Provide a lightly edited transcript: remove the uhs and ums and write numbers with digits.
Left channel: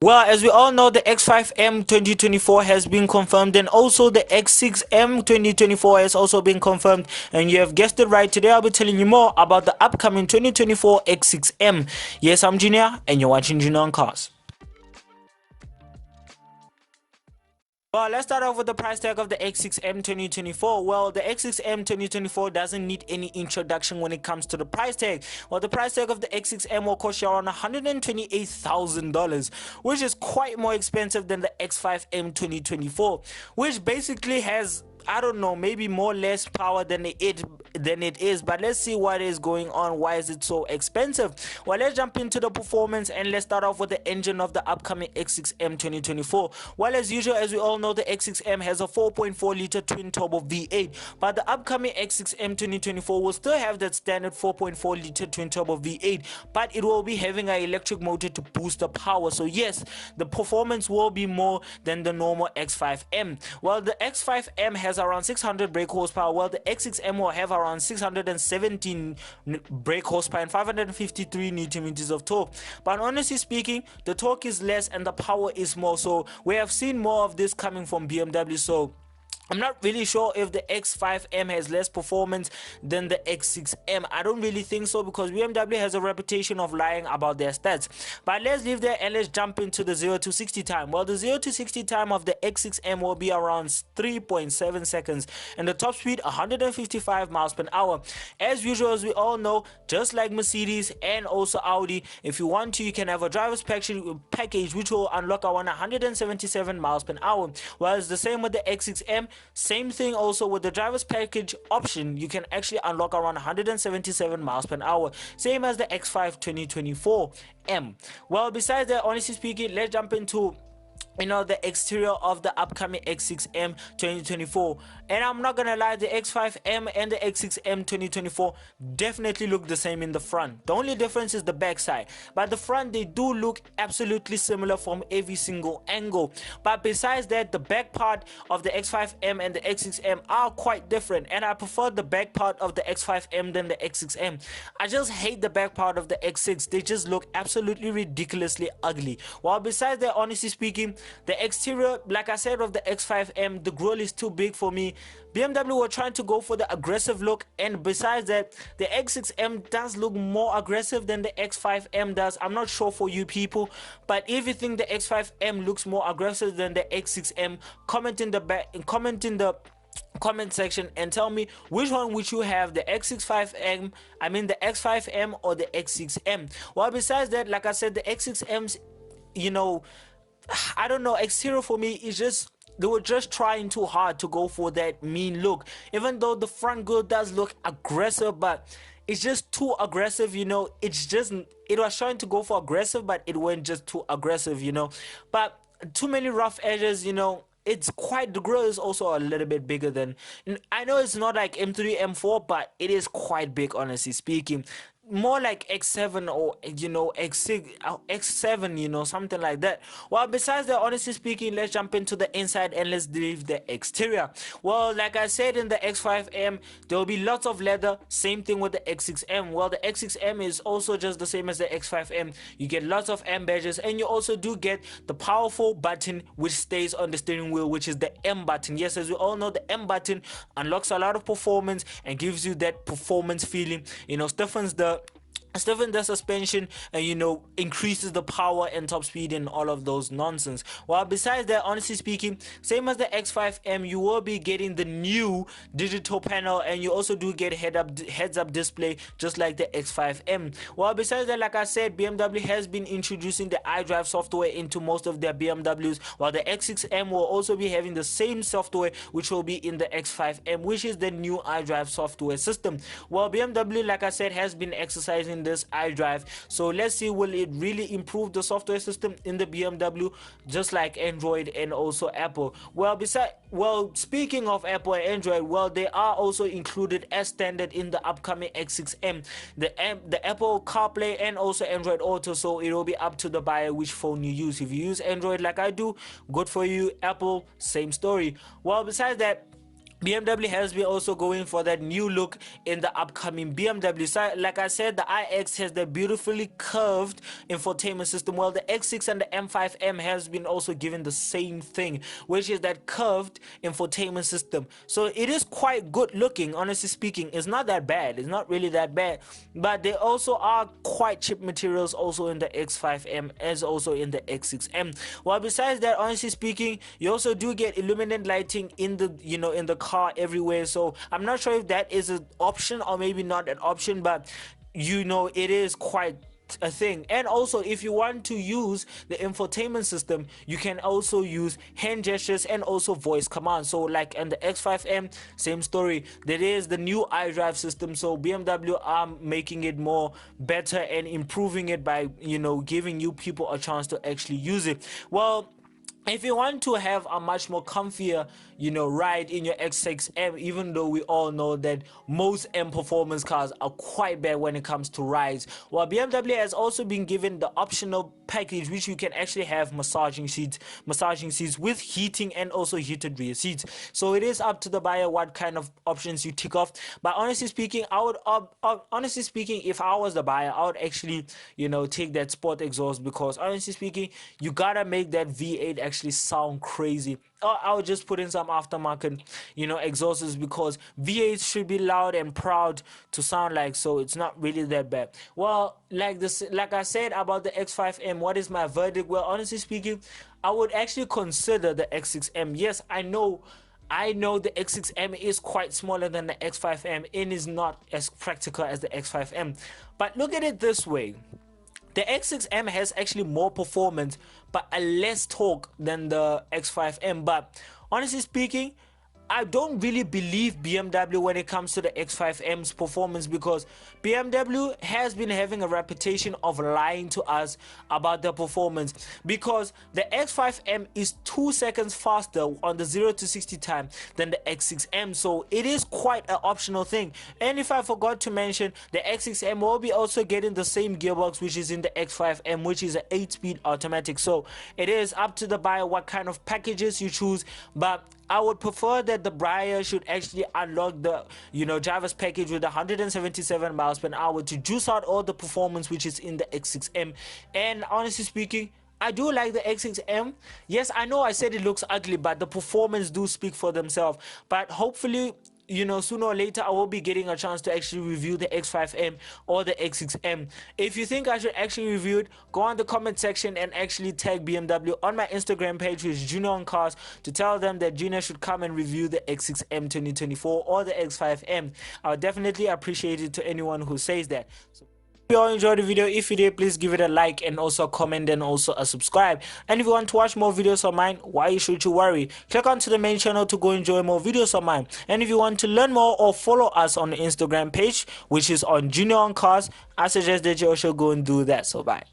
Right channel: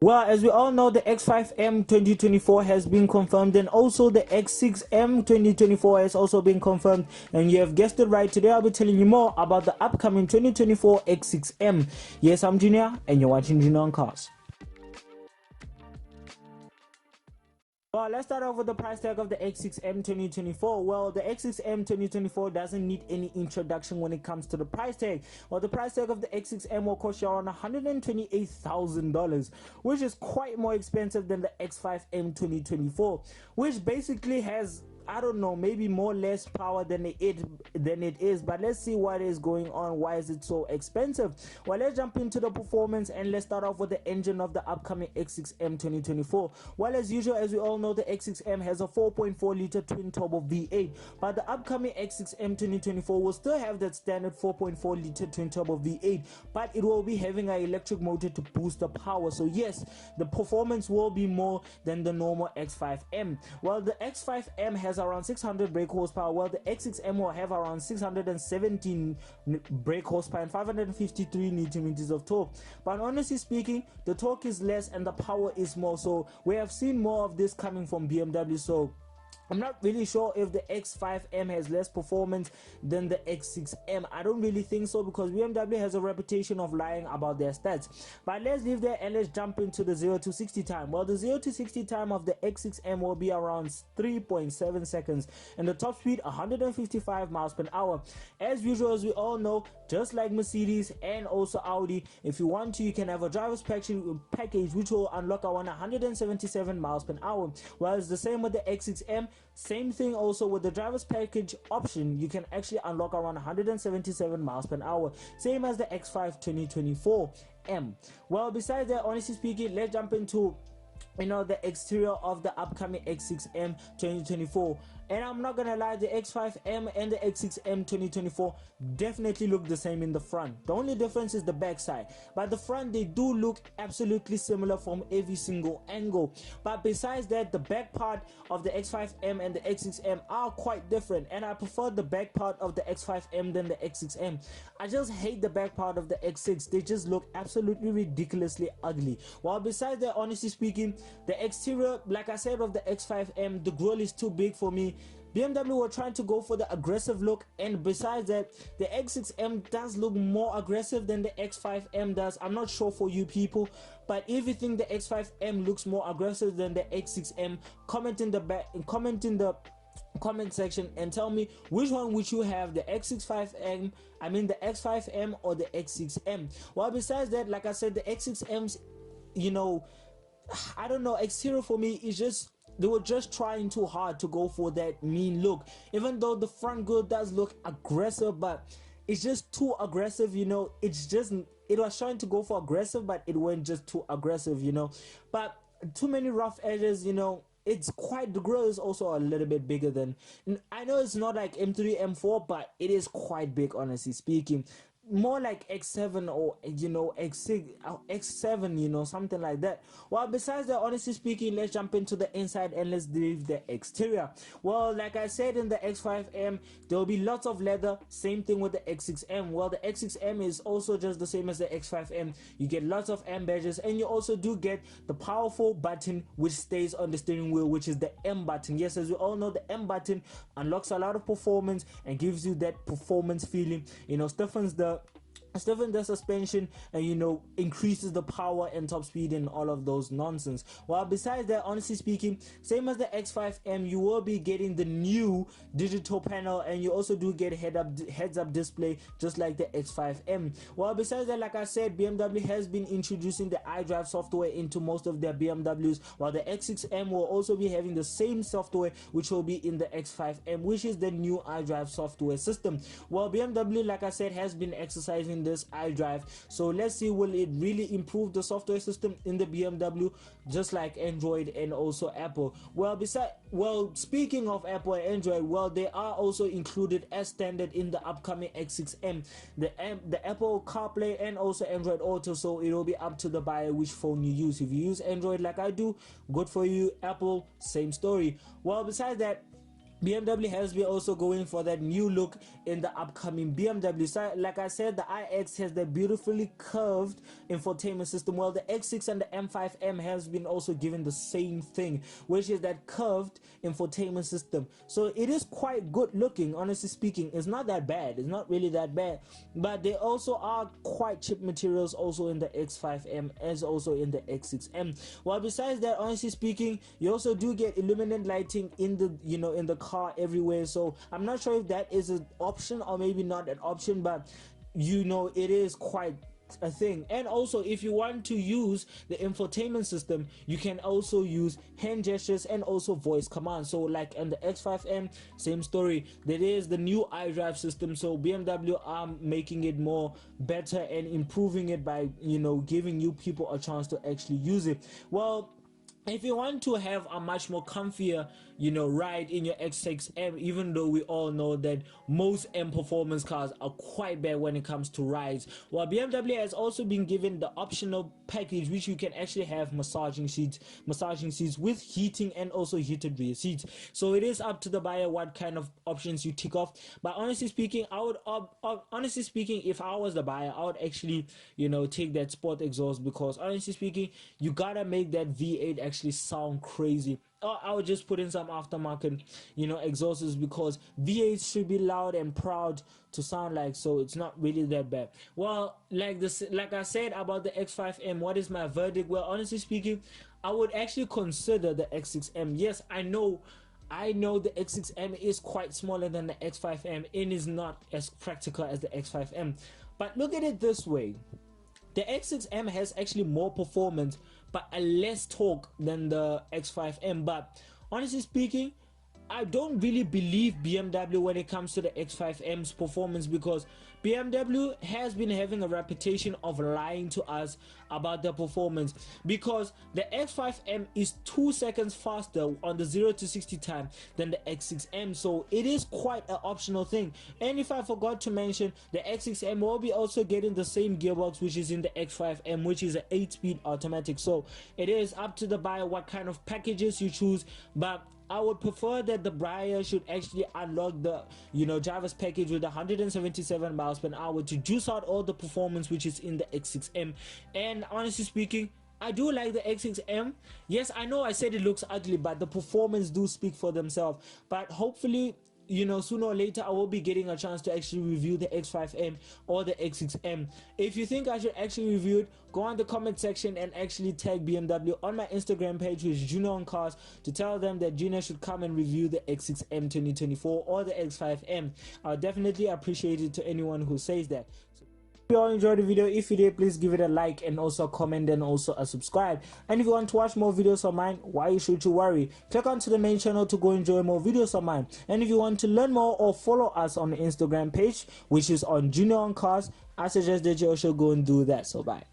Well, as we all know, the X5M 2024 has been confirmed, and also the X6M 2024 has also been confirmed. And you have guessed it right, today I'll be telling you more about the upcoming 2024 X6M. Yes, I'm Junior, and you're watching Junior on Cars. Well, let's start off with the price tag of the X6M 2024. Well, the X6M 2024 doesn't need any introduction when it comes to the price tag. Well, the price tag of the X6M will cost you around $128,000, which is quite more expensive than the X5M 2024, which basically has, I don't know, maybe more less power than it is, but let's see what is going on. Why is it so expensive? Well, let's jump into the performance, and let's start off with the engine of the upcoming X6M 2024. Well, as usual, as we all know, the X6M has a 4.4 liter twin turbo V8, but the upcoming X6M 2024 will still have that standard 4.4 liter twin turbo V8, but it will be having an electric motor to boost the power. So yes, the performance will be more than the normal X5M. Well, the X5M has around 600 brake horsepower, while the X6M will have around 617 brake horsepower and 553 newton meters of torque. But honestly speaking, the torque is less and the power is more, so we have seen more of this coming from BMW. So I'm not really sure if the X5M has less performance than the X6M. I don't really think so, because BMW has a reputation of lying about their stats. But let's leave there and let's jump into the 0 to 60 time. Well, the 0 to 60 time of the X6M will be around 3.7 seconds, and the top speed 155 miles per hour. As usual, as we all know, just like Mercedes and also Audi, if you want to, you can have a driver's package which will unlock around 177 miles per hour. Well, it's the same with the X6M. Same thing also with the driver's package option, you can actually unlock around 177 miles per hour, same as the X5 2024 M. Well, besides that, honestly speaking, let's jump into the exterior of the upcoming X6M 2024. And I'm not gonna lie, the X5M and the X6M 2024 definitely look the same in the front. The only difference is the back side, but the front, they do look absolutely similar from every single angle. But besides that, the back part of the X5M and the X6M are quite different, and I prefer the back part of the X5M than the X6M. I just hate the back part of the X6. They just look absolutely ridiculously ugly. While besides that, honestly speaking, the exterior, like I said, of the X5M, the grille is too big for me. BMW were trying to go for the aggressive look, and besides that, the X6M does look more aggressive than the X5M does. I'm not sure for you people, but if you think the X5M looks more aggressive than the X6M, comment in the comment section and tell me which one would you have, the X65M, the X5M or the X6M. Well, besides that, like I said, the X6M's, I don't know, exterior for me is just, they were just trying too hard to go for that mean look, even though the front grille does look aggressive, but it's just too aggressive. It's just, it was trying to go for aggressive, but it went just too aggressive, but too many rough edges. It's quite, the grille is also a little bit bigger than, I know it's not like M3 M4, but it is quite big, honestly speaking. More like X7 or X6, X7, something like that. Well, besides that, honestly speaking, let's jump into the inside and let's leave the exterior. Well, like I said, in the X5M there will be lots of leather, same thing with the X6M. Well, the X6M is also just the same as the X5M. You get lots of M badges, and you also do get the powerful button which stays on the steering wheel, which is the M button. Yes, as we all know, the M button unlocks a lot of performance and gives you that performance feeling, stiffens the suspension, and increases the power and top speed and all of those nonsense. Well, besides that, honestly speaking, same as the X5M, you will be getting the new digital panel, and you also do get heads up display just like the X5M. Well, besides that, like I said, BMW has been introducing the iDrive software into most of their BMWs, while the X6M will also be having the same software which will be in the X5M, which is the new iDrive software system. Well, BMW, like I said, has been exercising this iDrive, so let's see, will it really improve the software system in the BMW, just like Android and also Apple? Well, speaking of Apple and Android, well, they are also included as standard in the upcoming X6M, the Apple CarPlay and also Android Auto. So it will be up to the buyer which phone you use. If you use Android like I do, good for you. Apple, same story. Well, besides that, BMW has been also going for that new look in the upcoming BMW. So, like I said, the iX has the beautifully curved infotainment system. Well, the X6 and the M5M has been also given the same thing, which is that curved infotainment system. So it is quite good looking, honestly speaking. It's not that bad. It's not really that bad. But they also are quite cheap materials also in the X5M as also in the X6M. Well, besides that, honestly speaking, you also do get illuminated lighting in the in the car everywhere. So I'm not sure if that is an option or maybe not an option, but it is quite a thing. And also, if you want to use the infotainment system, you can also use hand gestures and also voice commands. So like in the X5M, same story. There is the new iDrive system, so BMW are making it more better and improving it by giving you people a chance to actually use it. Well, if you want to have a much more comfier ride in your X6M, even though we all know that most M performance cars are quite bad when it comes to rides, well, BMW has also been given the optional package which you can actually have massaging seats with heating and also heated rear seats. So it is up to the buyer what kind of options you tick off. But honestly speaking, I would if I was the buyer, I would actually take that sport exhaust, because honestly speaking, you gotta make that V8 actually sound crazy. I would just put in some aftermarket exhausts, because V8 should be loud and proud to sound like, so it's not really that bad. Well, like I said about the X5M, what is my verdict? Well, honestly speaking, I would actually consider the X6M. Yes, I know the X6M is quite smaller than the X5M and is not as practical as the X5M, but look at it this way. The X6M has actually more performance but a less torque than the X5M. But honestly speaking, I don't really believe BMW when it comes to the X5M's performance, because BMW has been having a reputation of lying to us about the performance, because the X5M is 2 seconds faster on the 0 to 60 time than the X6M, so it is quite an optional thing. And if I forgot to mention, the X6M will be also getting the same gearbox which is in the X5M, which is an 8-speed automatic. So it is up to the buyer what kind of packages you choose, but I would prefer that the buyer should actually unlock the driver's package with 177 miles per hour to juice out all the performance which is in the X6M. And honestly speaking, I do like the X6M. Yes, I know I said it looks ugly, but the performance do speak for themselves. But hopefully, sooner or later I will be getting a chance to actually review the X5M or the X6M. If you think I should actually review it, go on the comment section and actually tag BMW on my Instagram page, which is Junior on Cars, to tell them that Junior should come and review the X6M 2024 or the X5M. I would definitely appreciate it to anyone who says that. So, if you all enjoyed the video, if you did, please give it a like and also a comment and also a subscribe. And if you want to watch more videos of mine, why should you worry? Click onto the main channel to go enjoy more videos of mine. And if you want to learn more or follow us on the Instagram page, which is on Junior on Cars, I suggest that you also go and do that. So bye.